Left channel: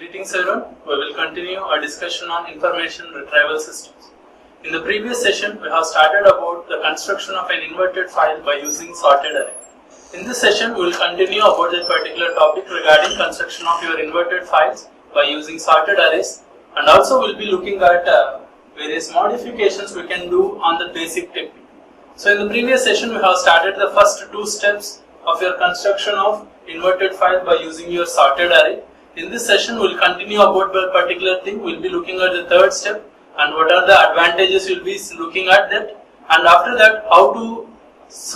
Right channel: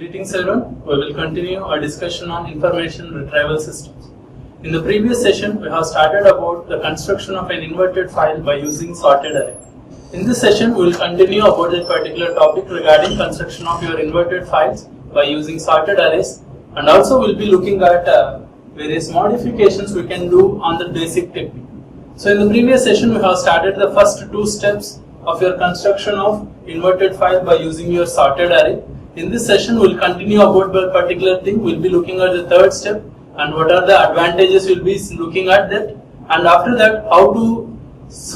Greetings everyone, we will continue our discussion on information retrieval systems. In the previous session, we have started about the construction of an inverted file by using sorted array. In this session, we will continue about that particular topic regarding construction of your inverted files by using sorted arrays, and also we will be looking at various modifications we can do on the basic technique. So in the previous session, we have started the first two steps of your construction of inverted file by using your sorted array. In this session, we will continue about that particular thing. We will be looking at the third step and what are the advantages we will be looking at that, and after that how to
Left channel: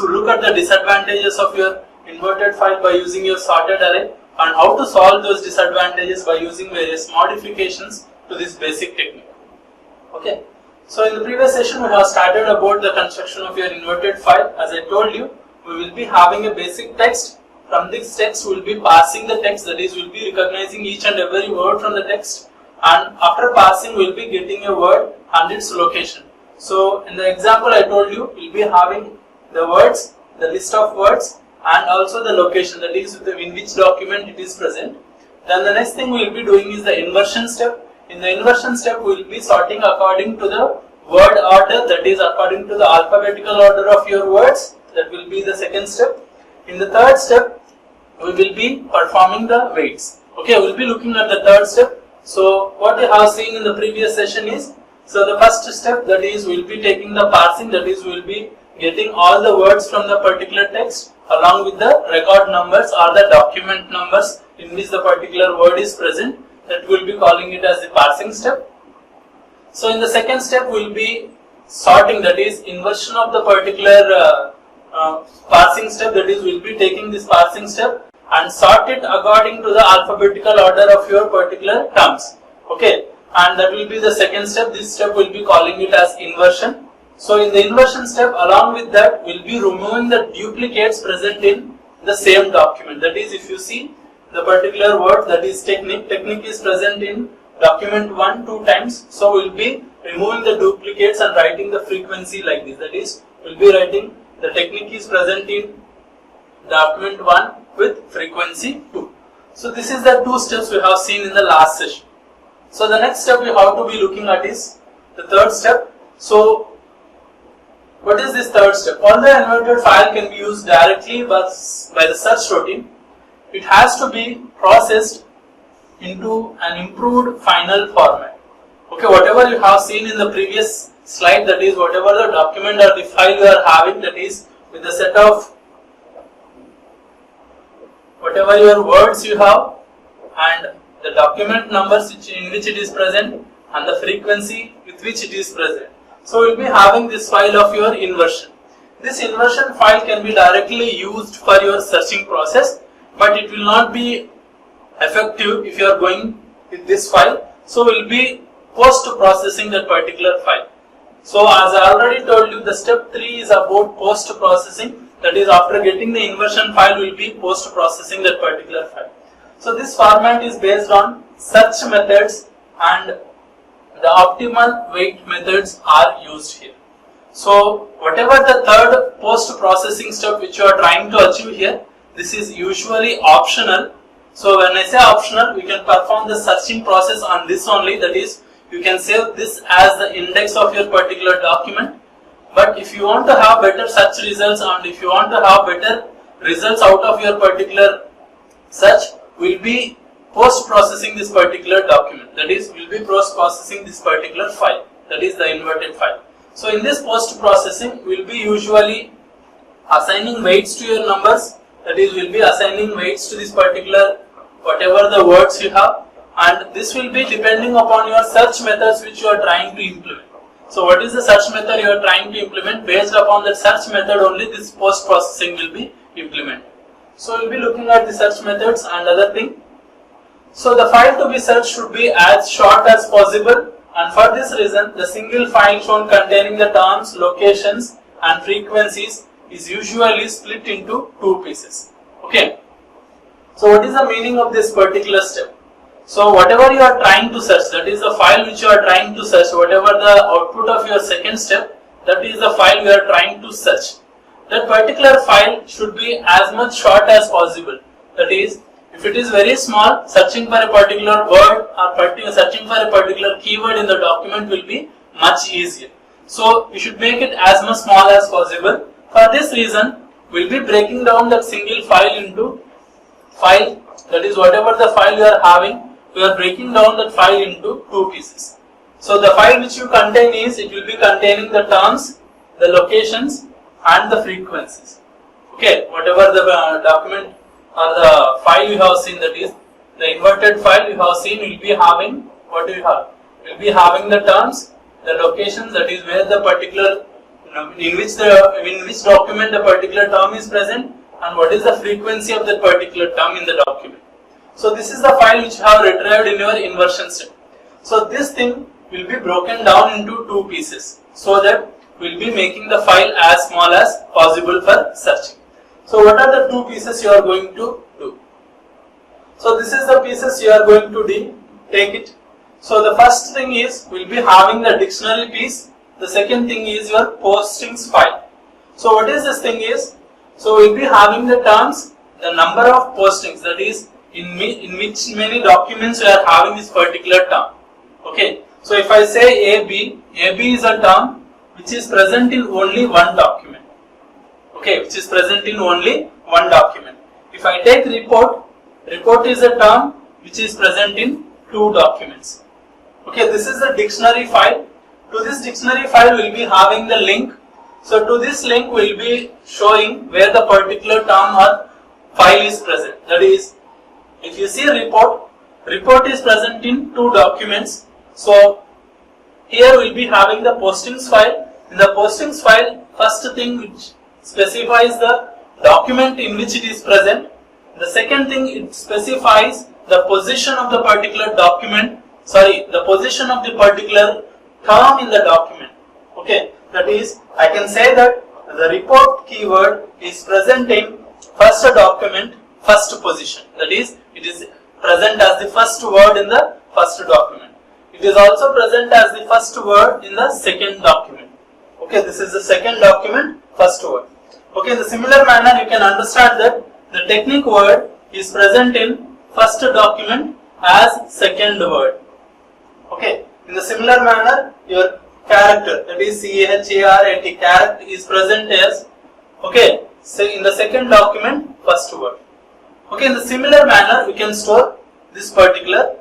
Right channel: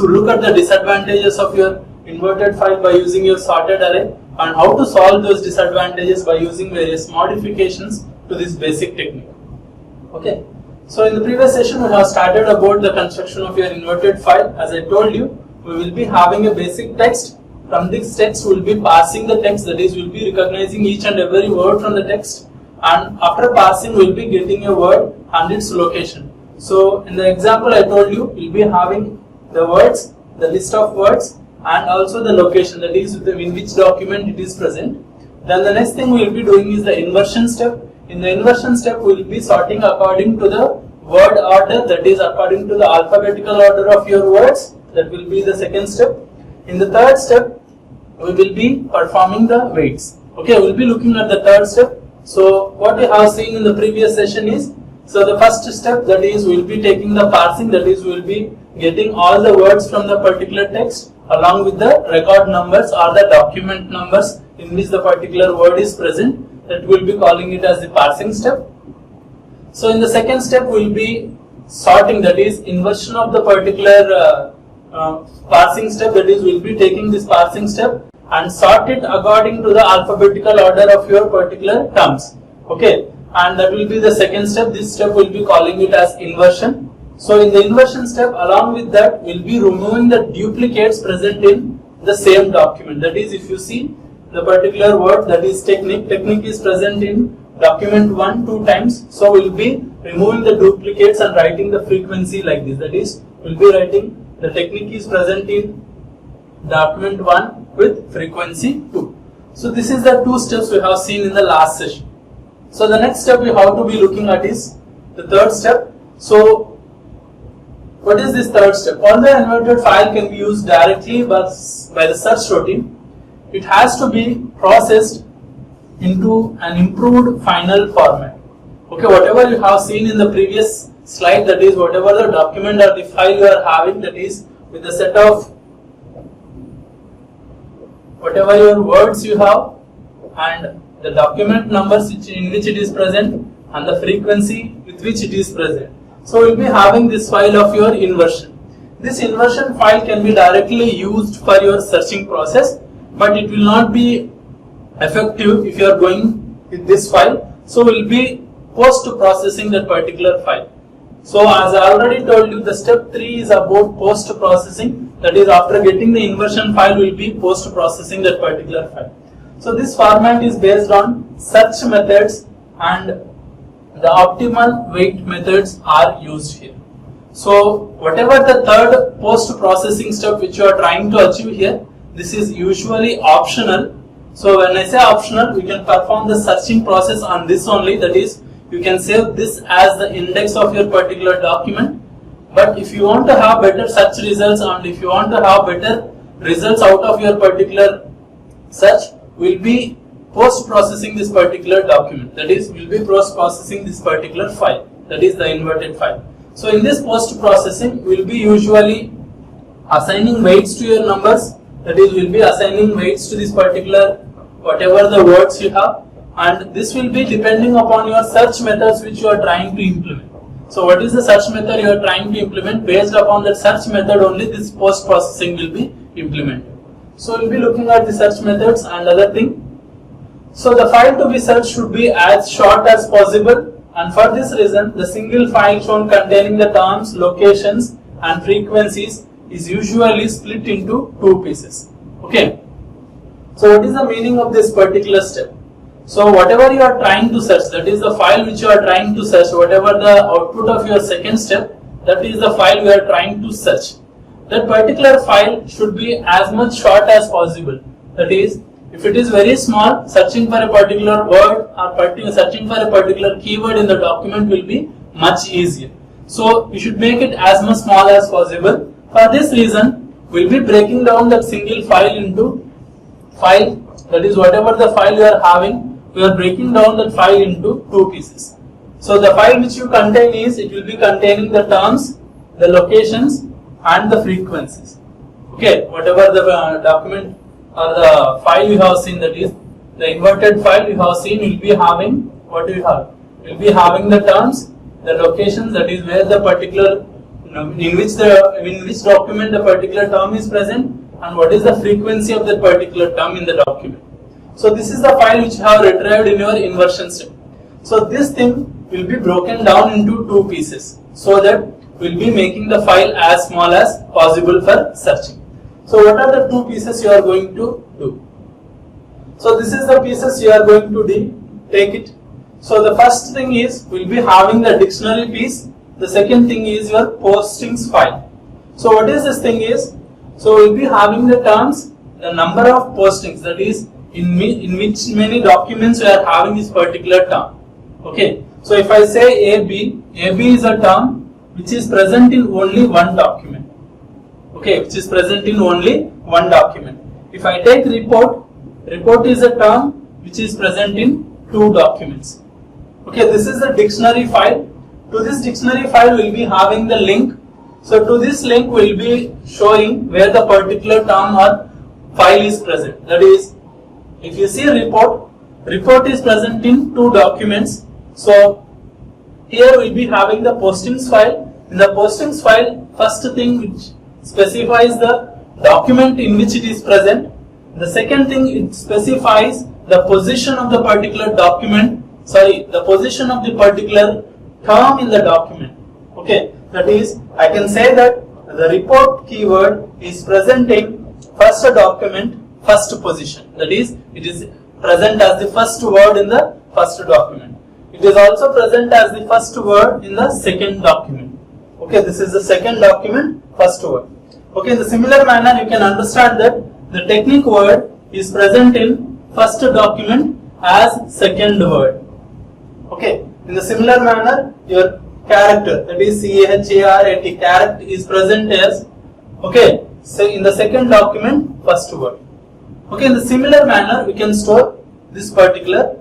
look at the disadvantages of your inverted file by using your sorted array and how to solve those disadvantages by using various modifications to this basic technique. Okay. So in the previous session, we have started about the construction of your inverted file. As I told you, we will be having a basic text. From this text, we will be passing the text, that is, we will be recognizing each and every word from the text, and after passing, we will be getting a word and its location. So in the example I told you, we will be having the words, the list of words, and also the location, that is, in which document it is present. Then the next thing we will be doing is the inversion step. In the inversion step, we will be sorting according to the word order, that is, according to the alphabetical order of your words. That will be the second step. In the third step, we will be performing the weights. Okay, we will be looking at the third step. So what we have seen in the previous session is, so the first step, that is, we will be taking the parsing, that is, we will be getting all the words from the particular text along with the record numbers or the document numbers in which the particular word is present. That we will be calling it as the parsing step. So in the second step, we will be sorting, that is, inversion of the particular parsing step, that is, we will be taking this parsing step and sort it according to the alphabetical order of your particular terms. Okay, and that will be the second step. This step we will be calling it as inversion. So in the inversion step, along with that, we will be removing the duplicates present in the same document. That is, if you see the particular word, that is technique is present in document 1 2 times. So we will be removing the duplicates and writing the frequency like this. That is, we will be writing the technique is present in document 1 with frequency 2. So this is the two steps we have seen in the last session. So the next step we have to be looking at is the third step. So what is this third step? All the inverted file can be used directly by the search routine. It has to be processed into an improved final format. Okay, whatever you have seen in the previous slide, that is, whatever the document or the file you are having, that is, with the set of whatever your words you have and the document numbers in which it is present and the frequency with which it is present. So we will be having this file of your inversion. This inversion file can be directly used for your searching process, but it will not be effective if you are going with this file. So we will be post processing that particular file. So as I already told you, the step 3 is about post processing, that is, after getting the inversion file, we will be post processing that particular file. So this format is based on search methods and the optimal weight methods are used here. So whatever the third post processing step which you are trying to achieve here, this is usually optional. So when I say optional, we can perform the searching process on this only, that is, you can save this as the index of your particular document. But if you want to have better search results and if you want to have better results out of your particular search, we will be post processing this particular document. That is, we will be post processing this particular file, that is the inverted file. So in this post processing, we will be usually assigning weights to your numbers, that is, we will be assigning weights to this particular whatever the words you have, and this will be depending upon your search methods which you are trying to implement. So what is the search method you are trying to implement? Based upon that search method only this post processing will be implemented. So we will be looking at the search methods and other thing. So the file to be searched should be as short as possible, and for this reason the single file shown containing the terms, locations and frequencies is usually split into two pieces. Okay. So what is the meaning of this particular step? So whatever you are trying to search, that is the file which you are trying to search, whatever the output of your second step, that is the file you are trying to search. That particular file should be as much short as possible. That is, If it is very small, searching for a particular word or searching for a particular keyword in the document will be much easier. So you should make it as much small as possible. For this reason, we'll be breaking down that single file into file, that is whatever the file you are having, we are breaking down that file into two pieces. So the file which you contain is, it will be containing the terms, the locations and the frequencies. Okay, whatever the document or the file you have seen, that is the inverted file you have seen, will be having, what do you have? Will be having the terms, the locations, that is where the particular, in which document the particular term is present, and what is the frequency of that particular term in the document. So this is the file which you have retrieved in your inversion step. So this thing will be broken down into two pieces, so that we'll be making the file as small as possible for searching. So what are the two pieces you are going to do? So this is the pieces you are going to take it. So the first thing is, we'll be having the dictionary piece. The second thing is your postings file. So what is this thing is, so we'll be having the terms, the number of postings, that is in which many documents we are having this particular term. Okay, so if I say AB is a term which is present in only one document. Okay, which is present in only one document. If I take report is a term which is present in two documents. Okay, this is the dictionary file. To this dictionary file we will be having the link. So to this link we will be showing where the particular term or file is present. That is, if you see report is present in two documents. So here we will be having the postings file. In the postings file, first thing which specifies the document in which it is present. The second thing, it specifies the position of the particular document, the position of the particular term in the document. Okay, that is, I can say that the report keyword is present in first document, first position. That is, it is present as the first word in the first document. It is also present as the first word in the second document. Okay, this is the second document, first word. Okay, in the similar manner, you can understand that the technique word is present in first document as second word. Okay, in the similar manner, your character, that is CHARAT, character is present as, okay, so in the second document, first word. Okay, in the similar manner, we can store this particular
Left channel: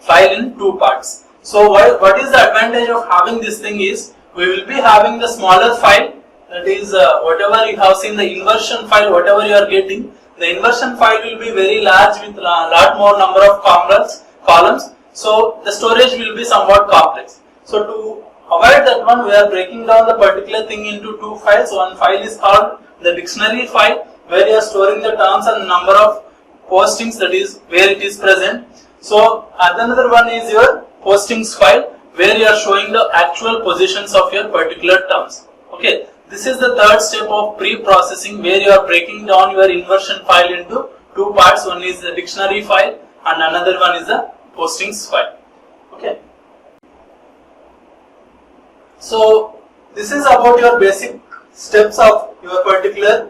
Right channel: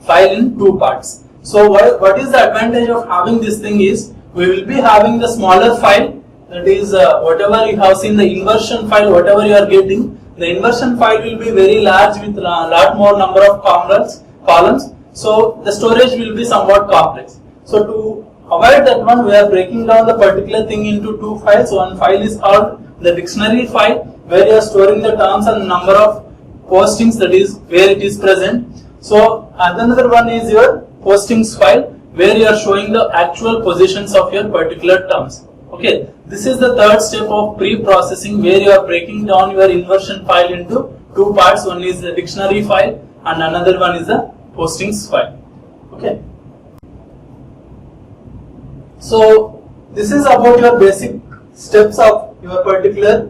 file in two parts. So what is the advantage of having this thing is, we will be having the smaller file, that is whatever you have seen, the inversion file, whatever you are getting, the inversion file will be very large with a lot more number of columns. So the storage will be somewhat complex. So to avoid that one, we are breaking down the particular thing into two files. One file is called the dictionary file, where you are storing the terms and number of postings, that is where it is present. So another one is your postings file, where you are showing the actual positions of your particular terms. Okay, this is the third step of pre-processing, where you are breaking down your inversion file into two parts. One is the dictionary file and another one is the postings file. Okay, so this is about your basic steps of your particular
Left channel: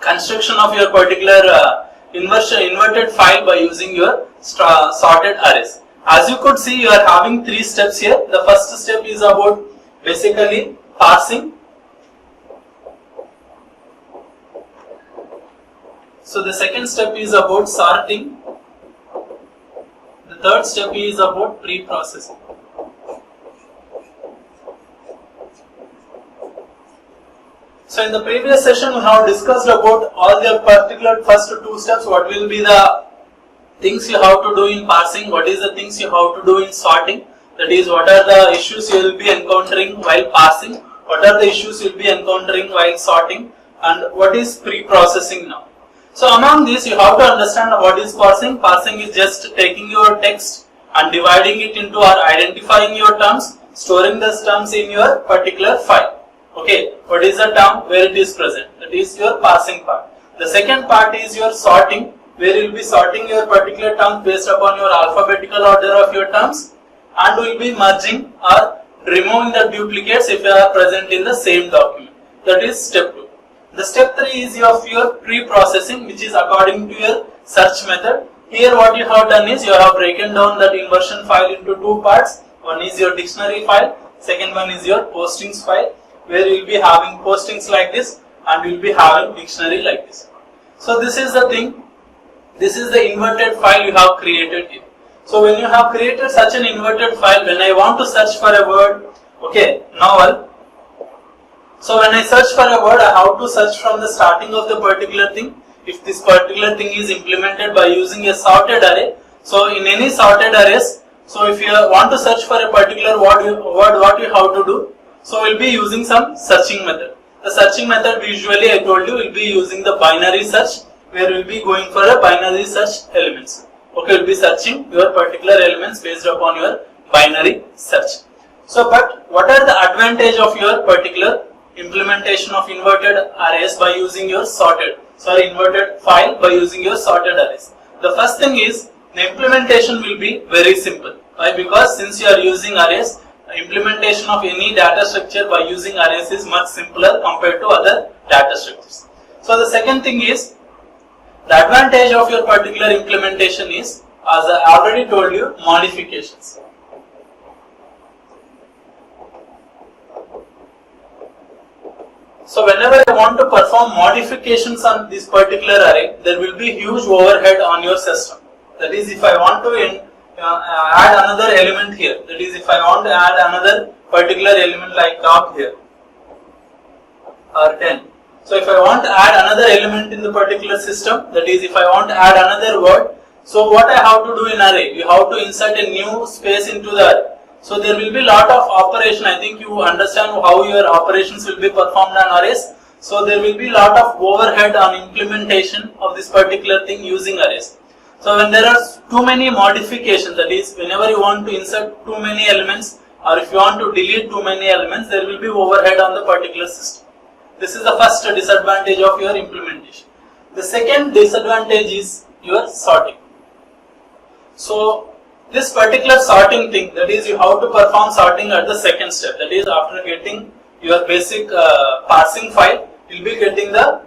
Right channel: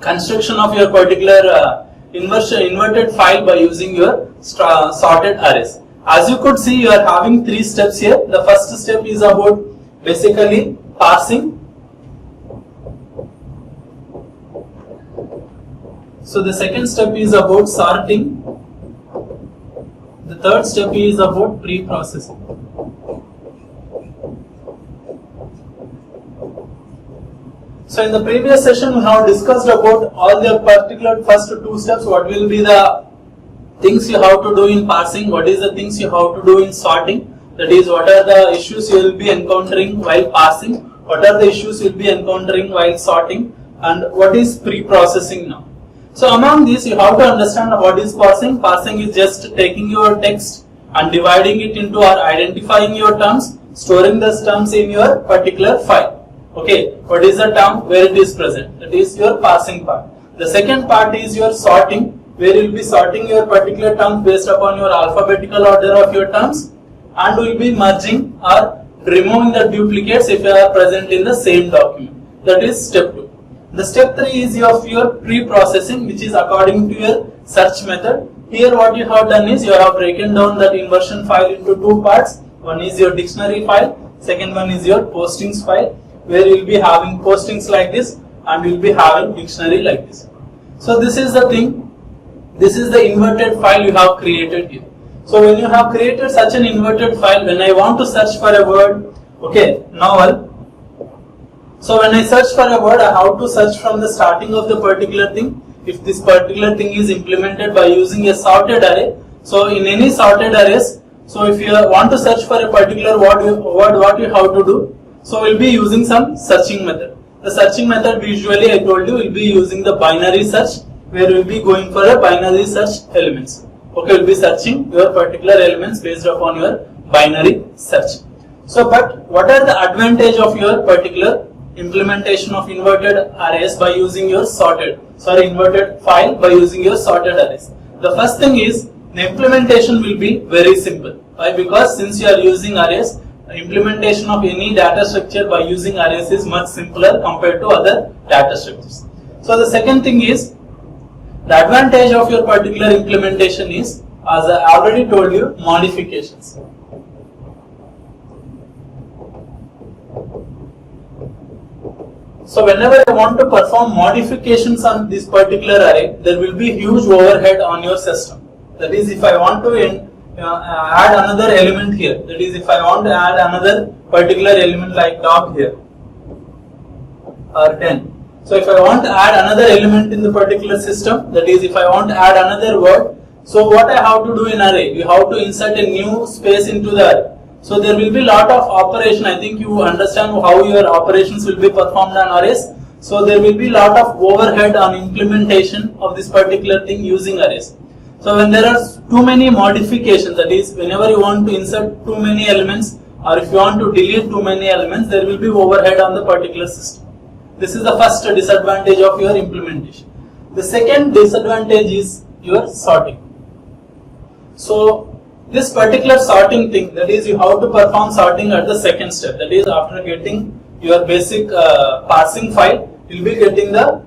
construction of your particular inverted file by using your sorted arrays. As you could see, you are having three steps here. The first step is about basically parsing. So the second step is about sorting. The third step is about pre-processing. So in the previous session we have discussed about all the particular first two steps. What will be the things you have to do in parsing, what is the things you have to do in sorting, that is what are the issues you will be encountering while parsing, what are the issues you will be encountering while sorting, and what is pre-processing now. So among these you have to understand what is parsing. Parsing is just taking your text and dividing it into or identifying your terms, storing those terms in your particular file. Okay, what is the term, where it is present, that is your parsing part. The second part is your sorting, where you will be sorting your particular terms based upon your alphabetical order of your terms, and will be merging or removing the duplicates if they are present in the same document. That is step 2. The step 3 is your pre-processing, which is according to your search method. Here what you have done is you have broken down that inversion file into two parts. One is your dictionary file, second one is your postings file, where you will be having postings like this and you will be having dictionary like this. So this is the thing, this is the inverted file you have created here. So when you have created such an inverted file, when I want to search for a word, okay, novel. So when I search for a word, I have to search from the starting of the particular thing. If this particular thing is implemented by using a sorted array, so in any sorted arrays, so if you want to search for a particular word, what you have to do? So we'll be using some searching method. The searching method usually I told you will be using the binary search, where we'll be going for a binary search elements. Okay, we'll be searching your particular elements based upon your binary search. So, but what are the advantage of your particular implementation of inverted arrays by using your inverted file by using your sorted arrays? The first thing is the implementation will be very simple. Why? Because since you are using arrays, implementation of any data structure by using arrays is much simpler compared to other data structures. So the second thing is the advantage of your particular implementation is, as I already told you, modifications. So whenever I want to perform modifications on this particular array, there will be huge overhead on your system. That is, if I want to add another element here, that is, if I want to add another particular element like dog here or 10. So if I want to add another element in the particular system, that is, if I want to add another word, so what I have to do in array, you have to insert a new space into the array. So there will be lot of operation. I think you understand how your operations will be performed on arrays. So there will be lot of overhead on implementation of this particular thing using arrays. So when there are too many modifications, that is, whenever you want to insert too many elements or if you want to delete too many elements, there will be overhead on the particular system. This is the first disadvantage of your implementation. The second disadvantage is your sorting. So this particular sorting thing, that is, you have to perform sorting at the second step. That is, after getting your basic parsing file, you will be getting the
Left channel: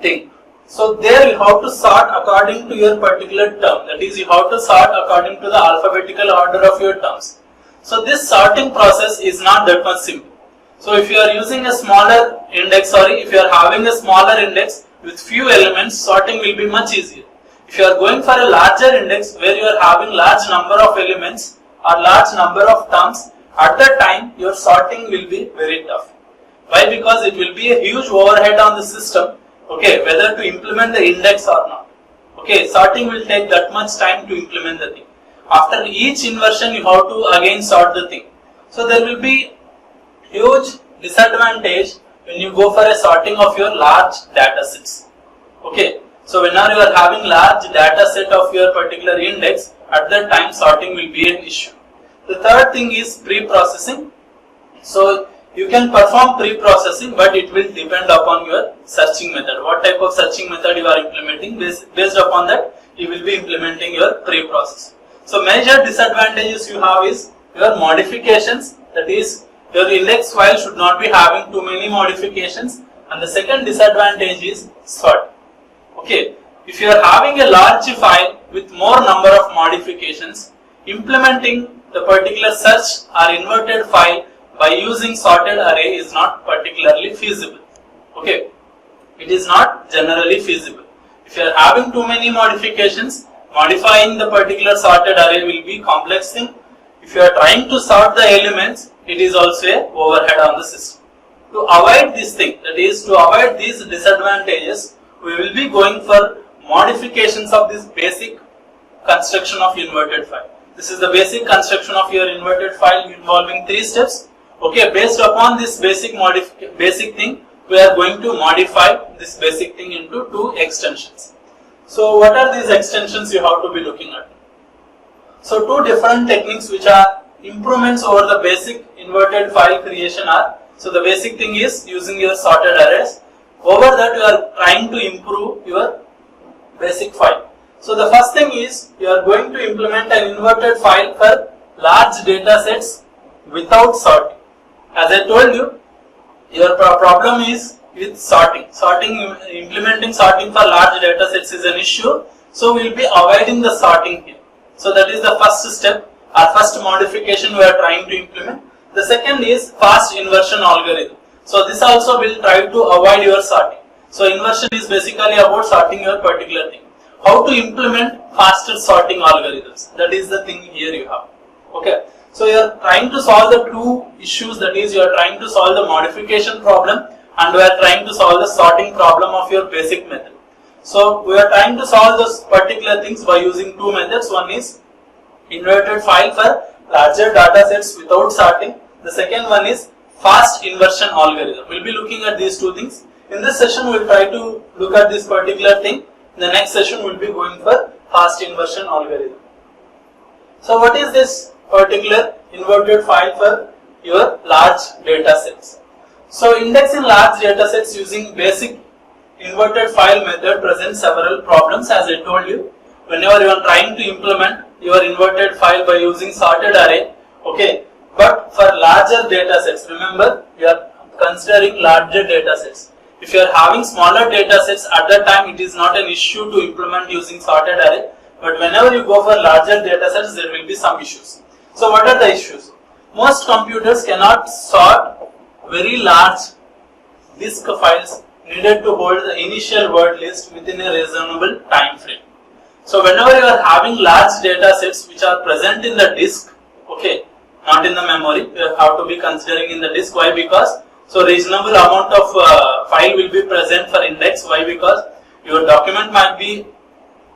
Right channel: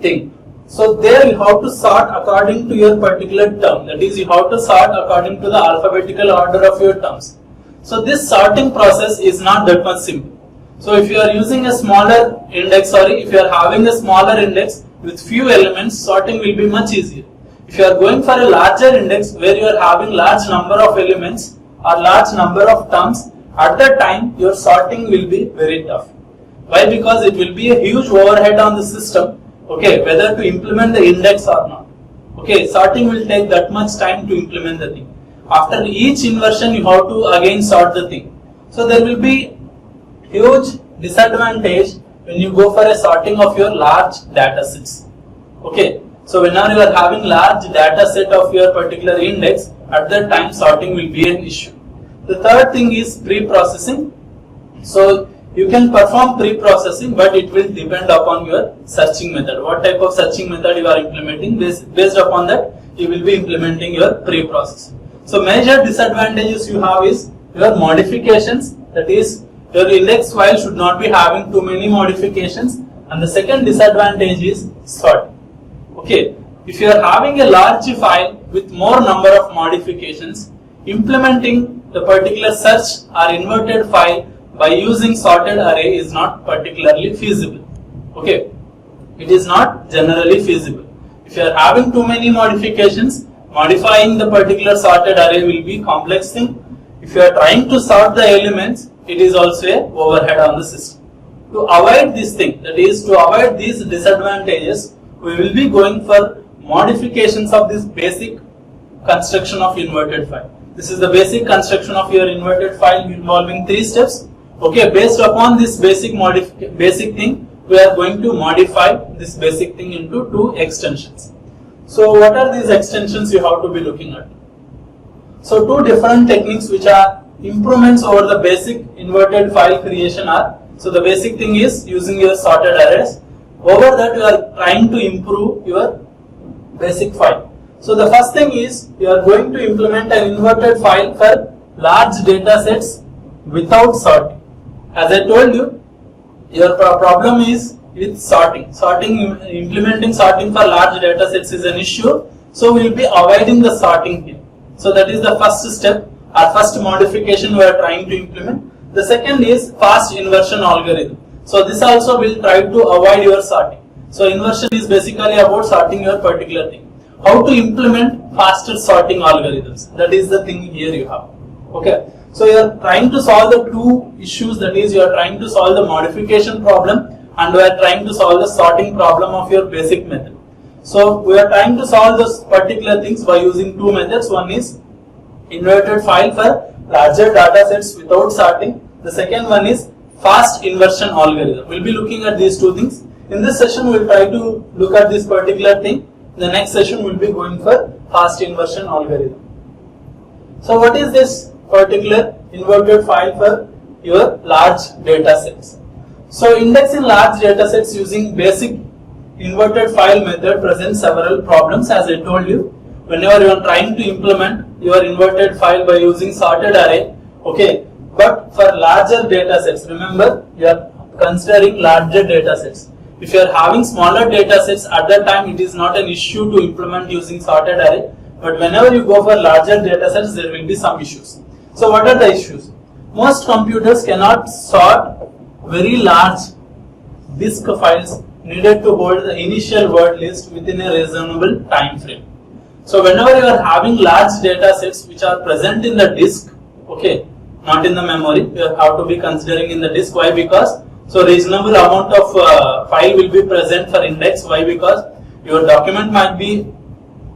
thing. So there you have to sort according to your particular term. That is, you have to sort according to the alphabetical order of your terms. So this sorting process is not that much simple. So if you are using a smaller index, if you are having a smaller index with few elements, sorting will be much easier. If you are going for a larger index where you are having large number of elements or large number of terms, at that time your sorting will be very tough. Why? Because it will be a huge overhead on the system, okay, whether to implement the index or not. Okay, sorting will take that much time to implement the thing. After each inversion you have to again sort the thing. So there will be huge disadvantage when you go for a sorting of your large data sets. Okay. So whenever you are having large data set of your particular index, at that time sorting will be an issue. The third thing is pre-processing. So you can perform pre-processing, but it will depend upon your searching method. What type of searching method you are implementing, based upon that you will be implementing your pre-processing. So major disadvantages you have is your modifications, that is, your index file should not be having too many modifications, and the second disadvantage is sorting. Okay, if you are having a large file with more number of modifications, implementing the particular search or inverted file by using sorted array is not particularly feasible. Okay, it is not generally feasible. If you are having too many modifications, modifying the particular sorted array will be complex thing. If you are trying to sort the elements, it is also a overhead on the system. To avoid this thing, that is, to avoid these disadvantages, we will be going for modifications of this basic construction of inverted file. This is the basic construction of your inverted file involving 3 steps. Okay, based upon this basic thing, we are going to modify this basic thing into 2 extensions. So what are these extensions you have to be looking at? So 2 different techniques which are improvements over the basic inverted file creation are, so the basic thing is using your sorted arrays. Over that you are trying to improve your basic file. So the first thing is you are going to implement an inverted file for large data sets without sorting. As I told you, your problem is with sorting. Implementing sorting for large data sets is an issue. So we will be avoiding the sorting here. So that is the first step or first modification we are trying to implement. The second is fast inversion algorithm. So this also will try to avoid your sorting. So inversion is basically about sorting your particular thing. How to implement faster sorting algorithms? That is the thing here you have. Okay. So you are trying to solve the two issues, that is you are trying to solve the modification problem and we are trying to solve the sorting problem of your basic method. So we are trying to solve those particular things by using two methods. One is inverted file for larger data sets without sorting. The second one is fast inversion algorithm. We will be looking at these two things. In this session we will try to look at this particular thing. In the next session we will be going for fast inversion algorithm. So what is this particular inverted file for your large data sets? So indexing large data sets using basic inverted file method presents several problems, as I told you. Whenever you are trying to implement your inverted file by using sorted array, okay, but for larger data sets, remember we are considering larger data sets. If you are having smaller data sets, at that time it is not an issue to implement using sorted array, but whenever you go for larger data sets there will be some issues. So what are the issues? Most computers cannot sort very large disk files needed to hold the initial word list within a reasonable time frame. So whenever you are having large data sets which are present in the disk, okay, not in the memory, you have to be considering in the disk. Why? Because so reasonable amount of file will be present for index. Why? Because your document might be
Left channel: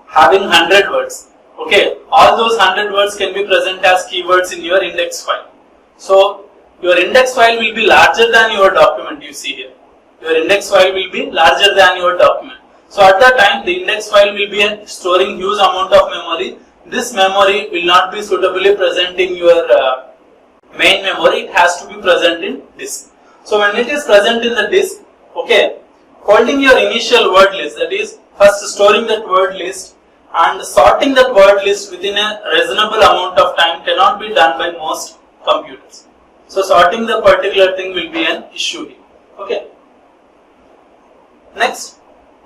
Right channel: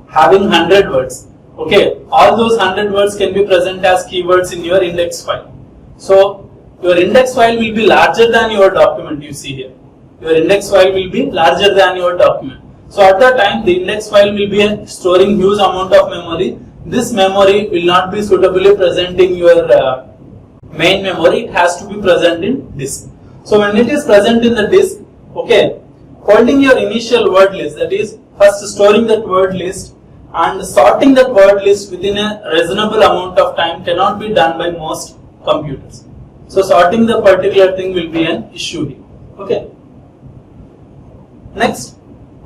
having 100 words. Okay, all those 100 words can be present as keywords in your index file. So your index file will be larger than your document, you see here. Your index file will be larger than your document. So at that time the index file will be storing huge amount of memory. This memory will not be suitably present in your main memory. It has to be present in disk. So when it is present in the disk, okay, holding your initial word list, that is first storing that word list and sorting that word list within a reasonable amount of time cannot be done by most computers. So sorting the particular thing will be an issue here. Okay. Next,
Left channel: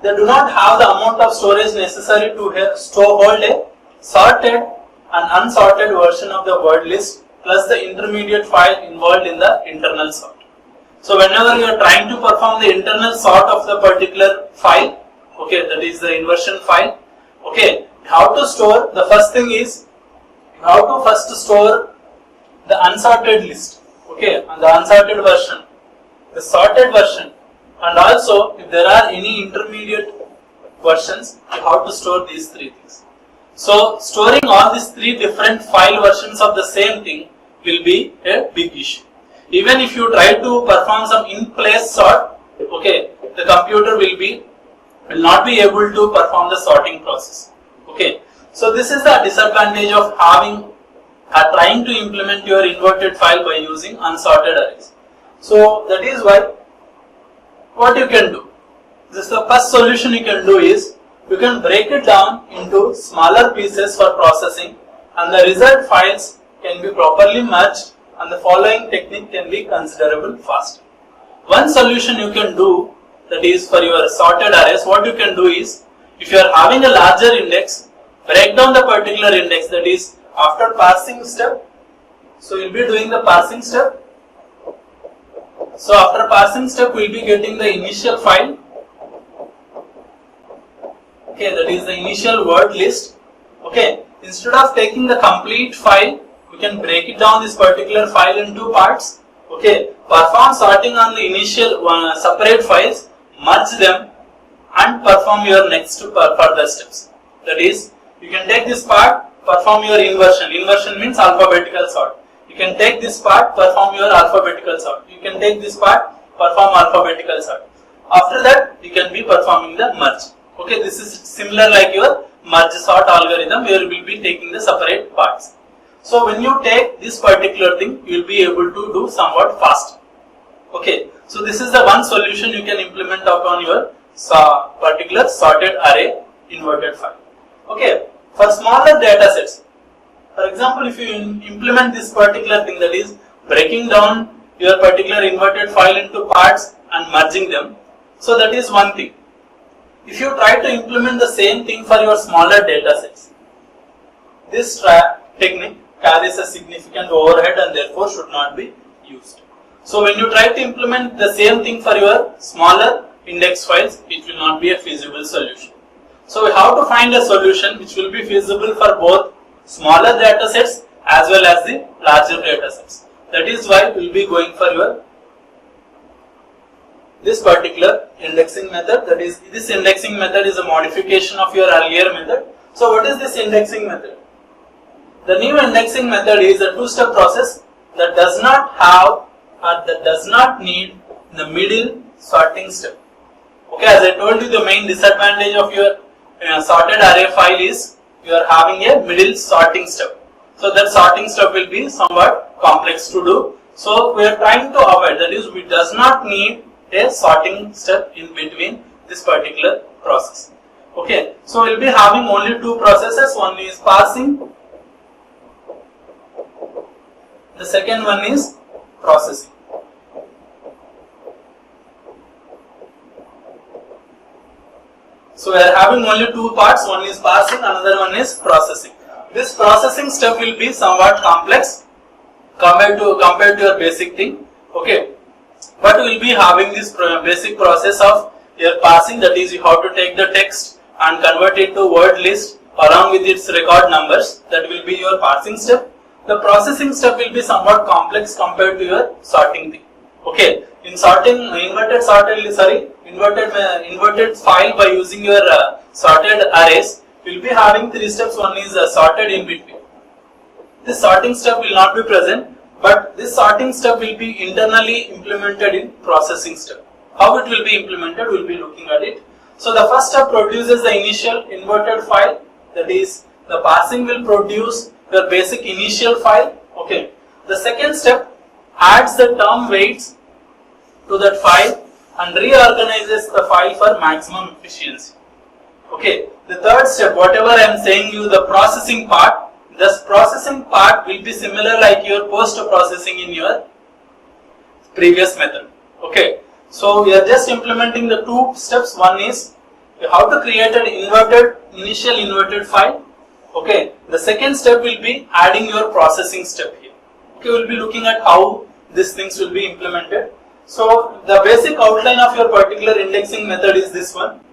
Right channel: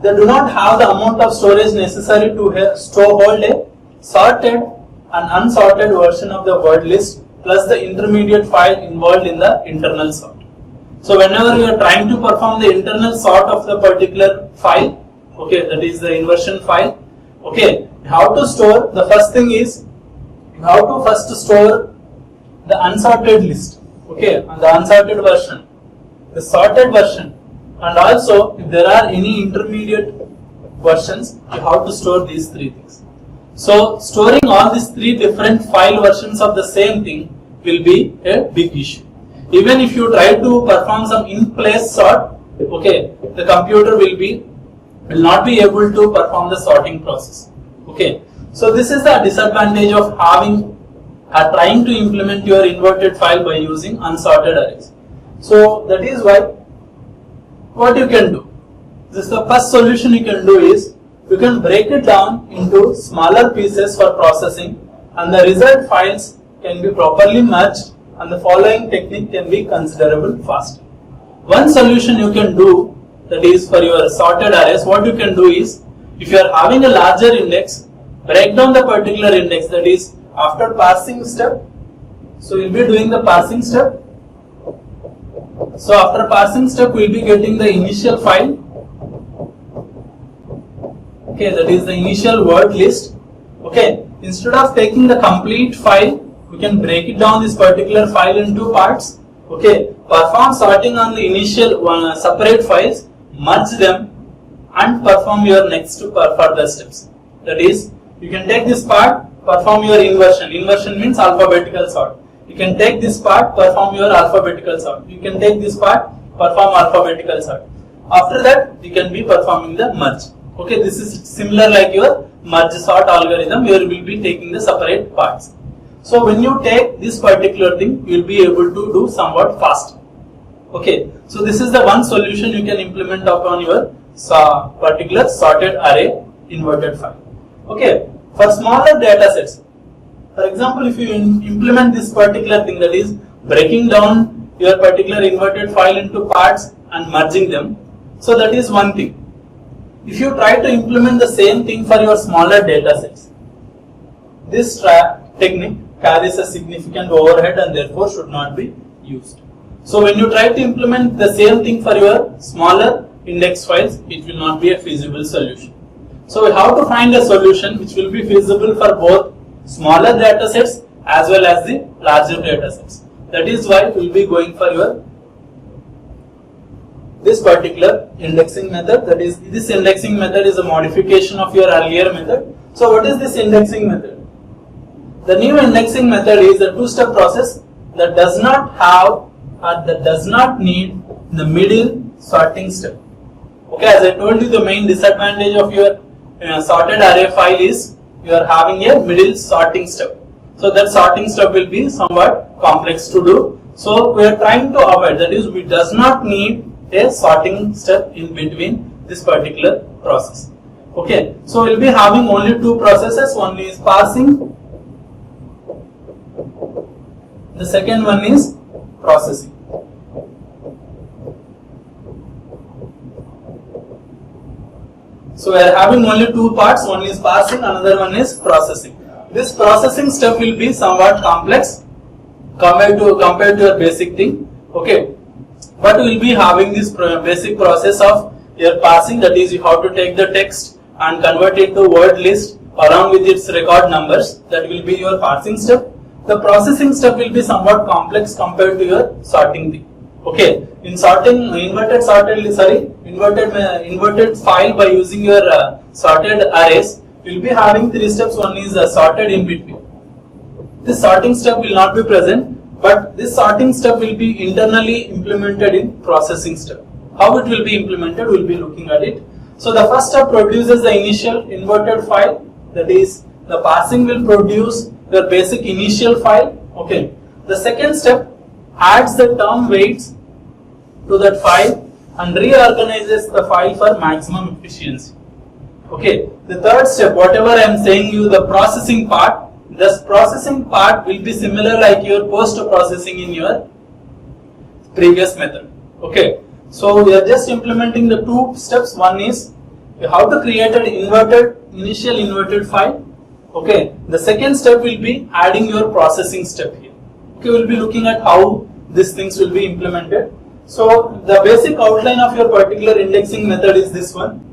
they do not have the amount of storage necessary to hold a sorted and unsorted version of the word list plus the intermediate file involved in the internal sort. So whenever you are trying to perform the internal sort of the particular file, okay, that is the inversion file, okay, how to store, the first thing is you have to first store the unsorted list, okay, and the unsorted version, the sorted version, and also if there are any intermediate versions, you have to store these three things. So storing all these three different file versions of the same thing will be a big issue. Even if you try to perform some in-place sort, okay, the computer will not be able to perform the sorting process. Okay, so this is the disadvantage of trying to implement your inverted file by using unsorted arrays. So that is why what you can do. This is the first solution you can do is you can break it down into smaller pieces for processing and the result files can be properly merged and the following technique can be considerable faster. One solution you can do, that is for your sorted arrays, what you can do is if you are having a larger index, break down the particular index, that is after parsing step. So you will be doing the parsing step. So after parsing step we will be getting the initial file, okay, that is the initial word list. Okay, instead of taking the complete file, we can break it down this particular file into parts. Okay, perform sorting on the initial separate files, merge them and perform your next further steps. That is, you can take this part, perform your inversion. Inversion means alphabetical sort. You can take this part, perform your alphabetical sort. You can take this part, perform alphabetical sort. After that, you can be performing the merge. Okay, this is similar like your merge sort algorithm where we will be taking the separate parts. So when you take this particular thing, you will be able to do somewhat fast. Okay, so this is the one solution you can implement upon your particular sorted array inverted file. Okay, for smaller data sets, for example, if you implement this particular thing, that is breaking down your particular inverted file into parts and merging them. So that is one thing. If you try to implement the same thing for your smaller data sets, this technique carries a significant overhead and therefore should not be used. So when you try to implement the same thing for your smaller index files, it will not be a feasible solution. So we have to find a solution which will be feasible for both smaller data sets as well as the larger data sets. That is why we will be going for this particular indexing method. That is, this indexing method is a modification of your earlier method. So what is this indexing method? The new indexing method is a two-step process that does not have or that does not need the middle sorting step. Okay, as I told you, the main disadvantage of your sorted array file is you are having a middle sorting step. So that sorting step will be somewhat complex to do. So we are trying to avoid, that is, we does not need a sorting step in between this particular process. Okay, so we will be having only two processes. One is parsing, the second one is processing. So we are having only two parts, one is parsing, another one is processing. This processing step will be somewhat complex compared to your basic thing. Okay, but we will be having this basic process of your parsing, that is, you have to take the text and convert it to word list along with its record numbers. That will be your parsing step. The processing step will be somewhat complex compared to your sorting thing. Okay, in sorting inverted file by using your sorted arrays, we will be having three steps. One is sorted in between. This sorting step will not be present, but this sorting step will be internally implemented in processing step. How it will be implemented, we will be looking at it. So the first step produces the initial inverted file, that is, the parsing will produce the basic initial file. Okay, the second step adds the term weights to that file and reorganizes the file for maximum efficiency. Okay, the third step, whatever I am saying you, the processing part, this processing part will be similar like your post processing in your previous method. Okay, so we are just implementing the two steps. One is you have to create an initial inverted file. Okay, the second step will be adding your processing step here. Okay, we will be looking at how these things will be implemented. So the basic outline of your particular indexing method is this one.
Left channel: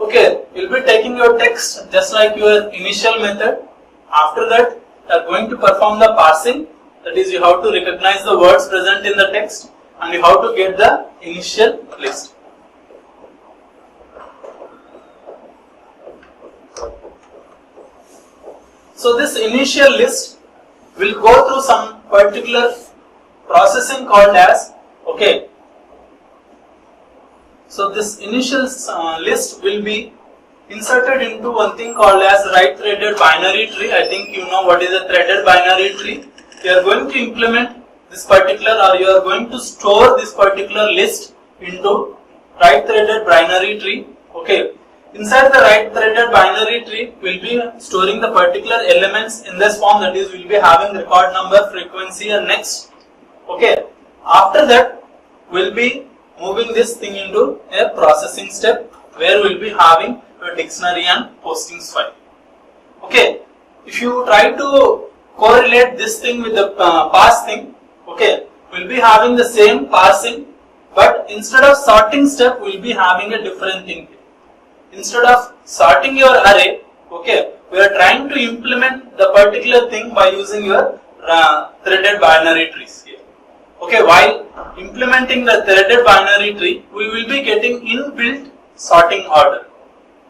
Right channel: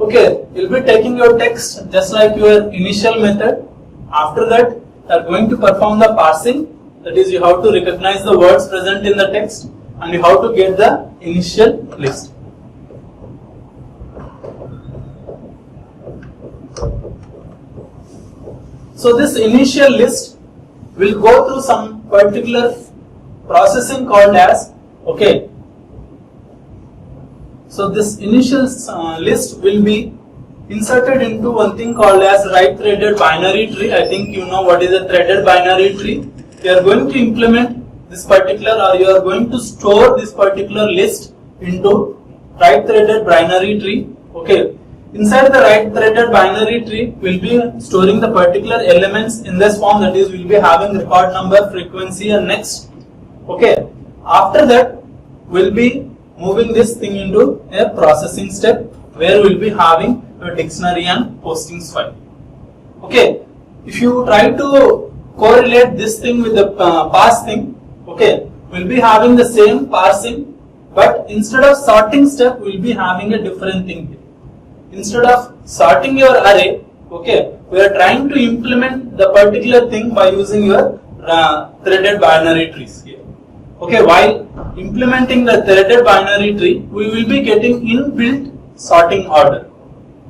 Okay, you will be taking your text just like your initial method. After that, you are going to perform the parsing. That is, you have to recognize the words present in the text and you have to get the initial list. So this initial list will go through some particular processing called as, okay, so this initial list will be inserted into one thing called as right threaded binary tree. I think you know what is a threaded binary tree. You are going to implement this particular, or you are going to store this particular list into right threaded binary tree. Okay, inside the right threaded binary tree, we will be storing the particular elements in this form, that is, we will be having record number, frequency and next. Okay, after that we will be moving this thing into a processing step where we will be having a dictionary and postings file. Okay, if you try to correlate this thing with the parse thing, okay, we will be having the same parsing, but instead of sorting step we will be having a different thing here. Instead of sorting your array, okay, we are trying to implement the particular thing by using your threaded binary trees here. Okay, while implementing the threaded binary tree, we will be getting inbuilt sorting order.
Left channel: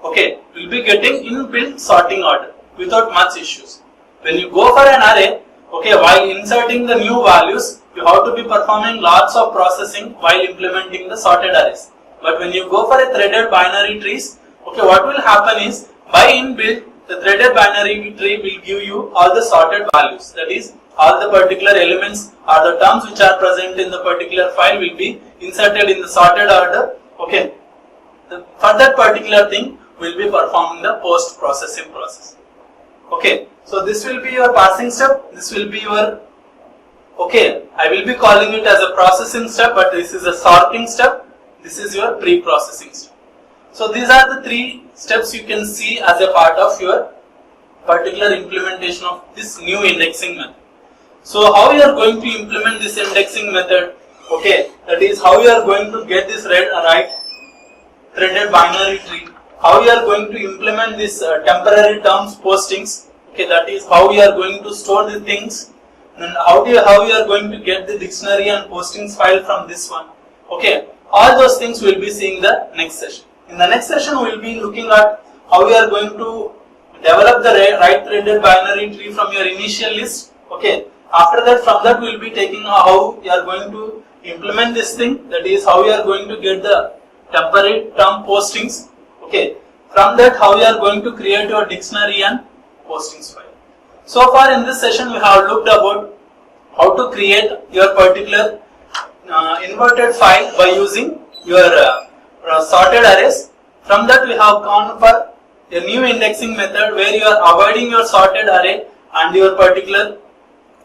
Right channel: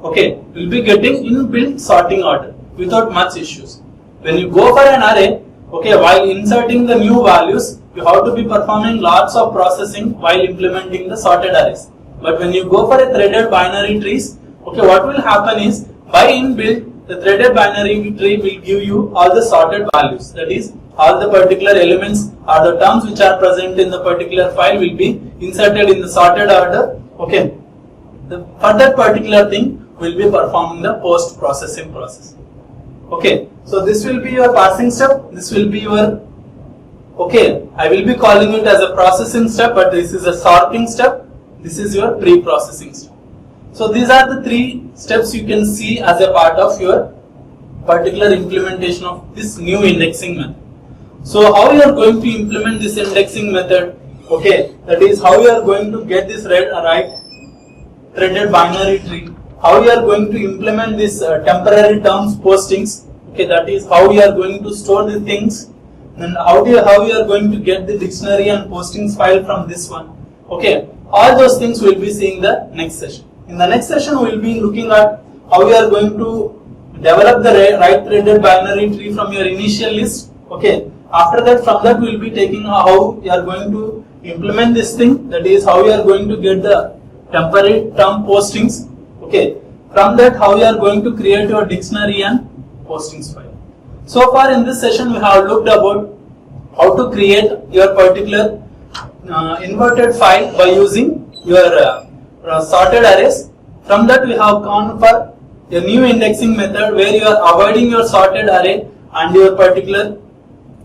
Okay, we will be getting inbuilt sorting order without much issues. When you go for an array, okay, while inserting the new values, you have to be performing lots of processing while implementing the sorted arrays. But when you go for a threaded binary trees, okay, what will happen is, by inbuilt, the threaded binary tree will give you all the sorted values. That is, all the particular elements or the terms which are present in the particular file will be inserted in the sorted order. Okay, for that particular thing, we will be performing the post processing process. Okay, so this will be your parsing step. This will be your, okay, I will be calling it as a processing step, but this is a sorting step. This is your pre-processing step. So these are the 3 steps you can see as a part of your particular implementation of this new indexing method. So how you are going to implement this indexing method? Okay, that is how you are going to get this right threaded binary tree. How you are going to implement this temporary terms postings. Okay, that is how you are going to store the things. And how you are going to get the dictionary and postings file from this one. Okay, all those things we will be seeing the next session. In the next session, we will be looking at how you are going to develop the right threaded binary tree from your initial list. Okay, after that, from that we will be taking how you are going to implement this thing. That is how you are going to get the temporary term postings. Okay, from that how you are going to create your dictionary and postings file. So far in this session, we have looked about how to create your particular inverted file by using your sorted arrays. From that we have gone for a new indexing method where you are avoiding your sorted array and your particular,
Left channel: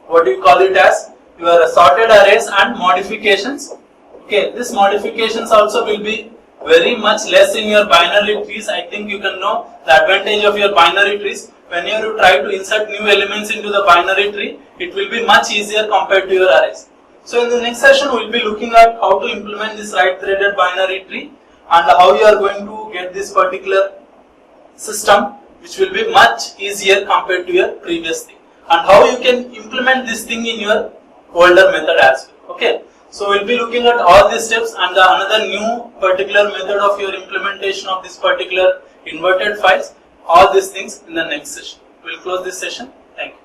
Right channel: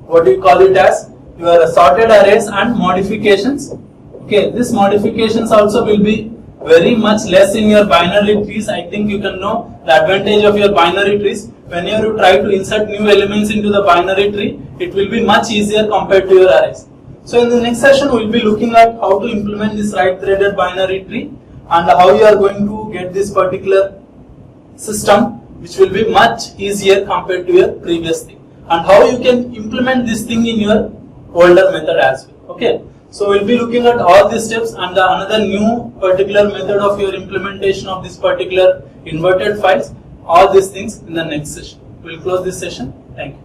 what do you call it as, your sorted arrays and modifications. Okay, these modifications also will be very much less in your binary trees. I think you can know the advantage of your binary trees. Whenever you try to insert new elements into the binary tree, it will be much easier compared to your arrays. So in the next session, we will be looking at how to implement this right threaded binary tree and how you are going to get this particular system, which will be much easier compared to your previous thing, and how you can implement this thing in your older method as well. Okay, so we'll be looking at all these steps and another new particular method of your implementation of this particular inverted files, all these things in the next session. We'll close this session. Thank you.